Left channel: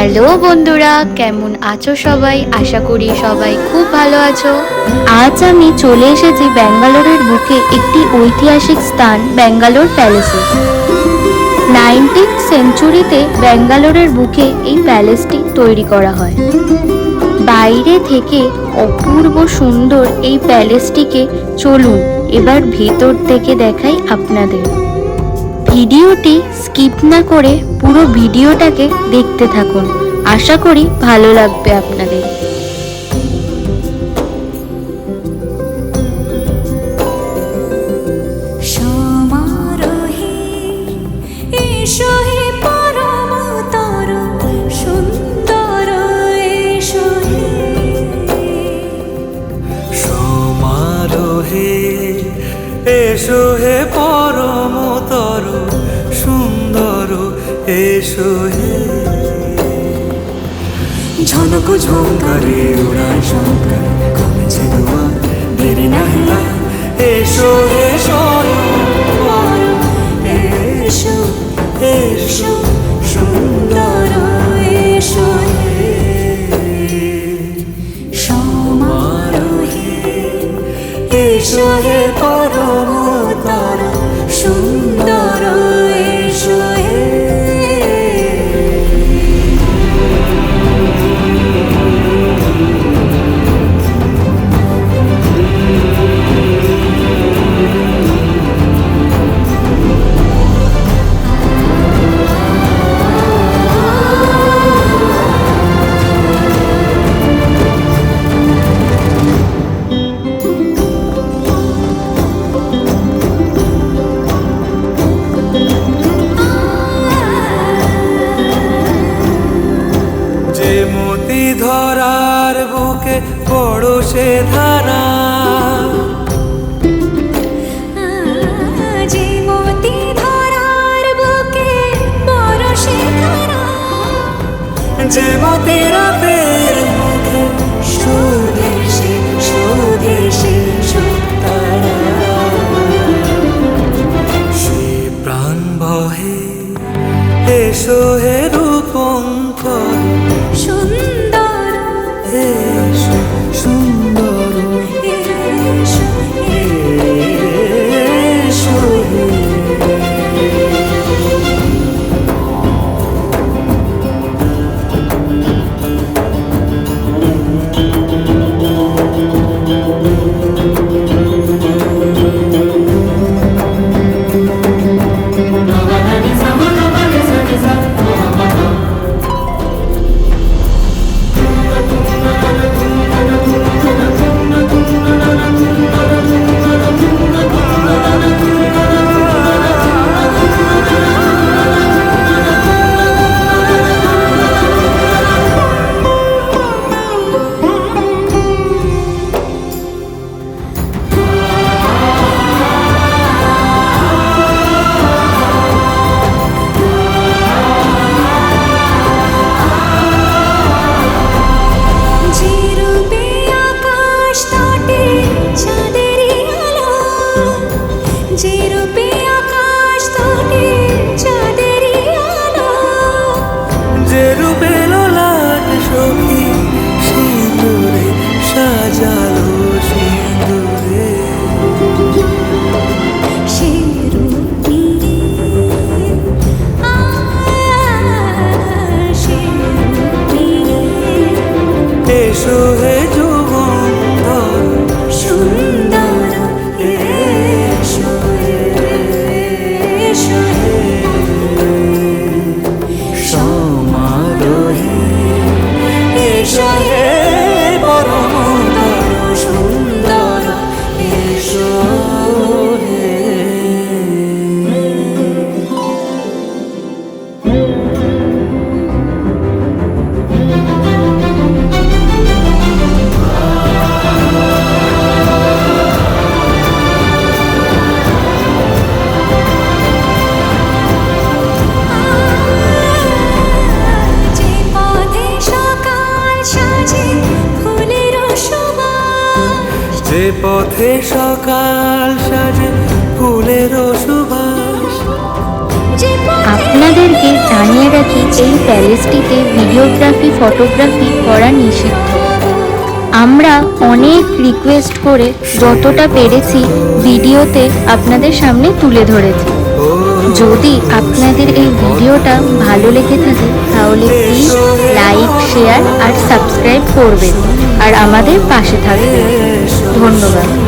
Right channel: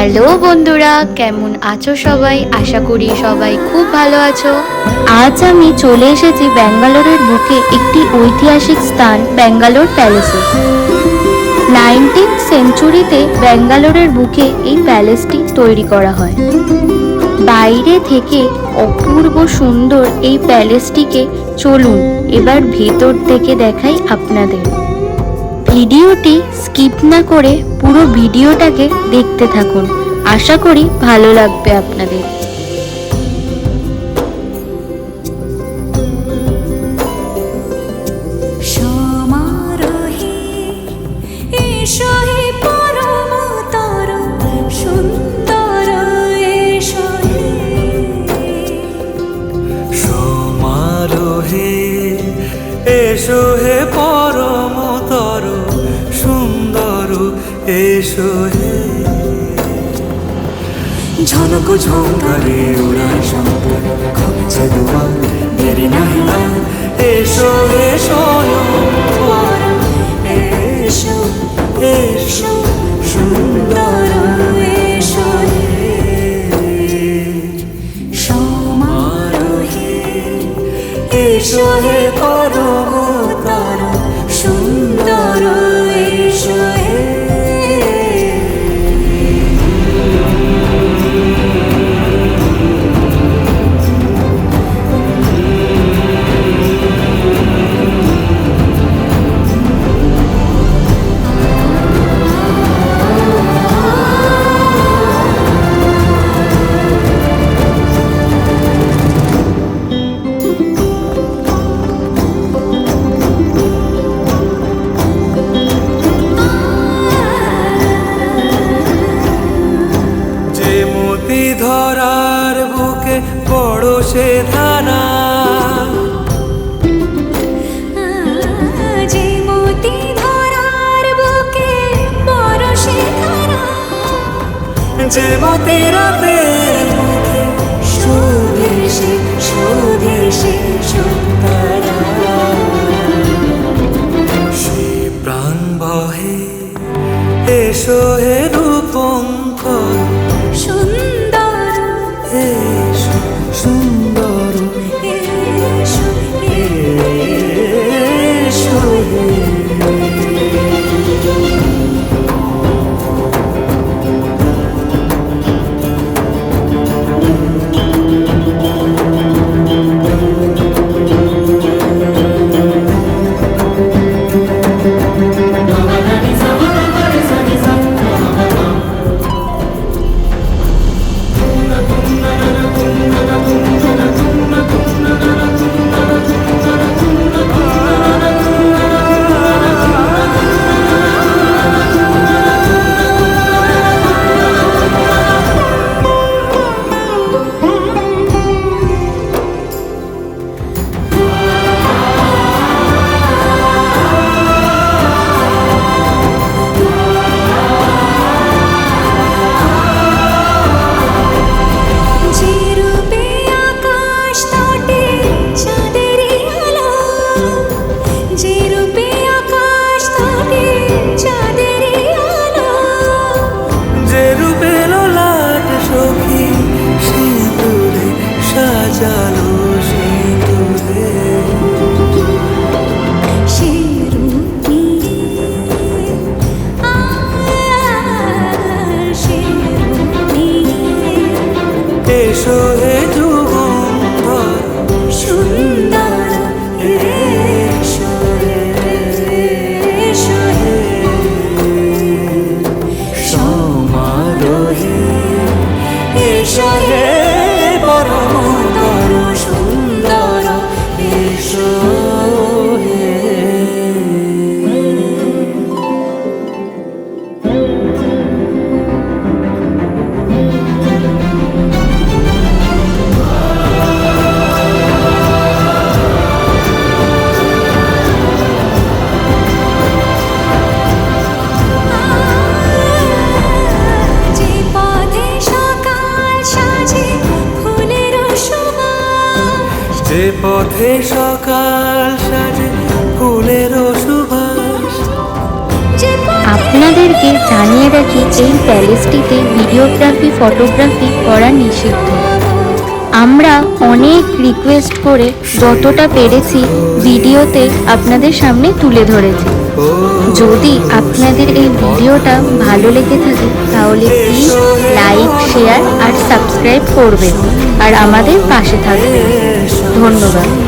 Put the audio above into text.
Hello বন্ধুরা, কেমন আছো সবাই? আশা করি সবাই খুব ভালো আছো। আজ আমি চলে এসেছি ব্যাঙ্গালোরের বুকে একটি ঐতিহাসিক স্থান ব্যাঙ্গালোর প্যালেসে। 19th সেঞ্চুরিতে ব্যাঙ্গালোরের বুকে এই প্যালেসটি তৈরি করা হয়। বাইরে থেকে অপূর্ব সুন্দর এই প্যালেসটিকে চলুন এবার ভেতর থেকে দেখাই আপনাদের। ভিডিওটি স্কিপ না করে পুরো ভিডিওটাকে দেখতে থাকুন, আশা করি ভালো লাগবে আপনাদের। সমারোহে এসো হে পরমতর সুন্দর এসো হে। সমারোহে এসো হে পরমতর সুন্দর এসো হে। ঝনক ঝঙ্কারে ওড়ায় শঙ্কারে খুলেছে দুয়ার, দেরি নাহি আর এসো হে স্বয়ং পর এসো এসো সুন্দর এসো হে। সমারোহে এসো হে পরমতর সুন্দর এসো হে। যে মতি ধরার বুকে বড় সে ধারা, যে মতি ধরার বুকে বড় সে ধারা, যে মতি রাতের মুখে শোভে সে শোভে সে শুকতারা। সে প্রাণ বহে এসো হে রূপঙ্কর সুন্দর এসো সুন্দর এসো এসো হে। যে রূপে আকাশ তটে চাঁদেরই আলো, যে রূপে আকাশ তটে চাঁদেরই আলো, যে রূপে লোলাট সখী সিঁদুরে সাজালো সিঁদুরে। সে রূপ নিয়ে সে রূপ নিয়ে এসো হে যুগন্ধর সুন্দর এসো এসো হে। সমারোহে এসো হে পরমতর সুন্দর এসো হে। যে পথে সকাল সাজে ফুলের সুবাস, যে পথে সকাল সাজে ফুলের সুবাস, যে পথে আপনাদেরকে জানিয়ে রাখি এই প্যালেসটিতে ভিডিওগ্রাফি ফটোগ্রাফি করা নিষিদ্ধ। আমরা অনেক রিকোয়েস্ট করে যতটা পেরেছি ভিডিওতে আপনাদের সামনে তুলে ধরেছি। যদি আপনাদের এই ভিডিওটা ভালো লেগে থাকে তাহলে প্লিজ লাইক শেয়ার আর সাবস্ক্রাইব করবেন আর আমাদের পাশে থাকবেন। ধন্যবাদ।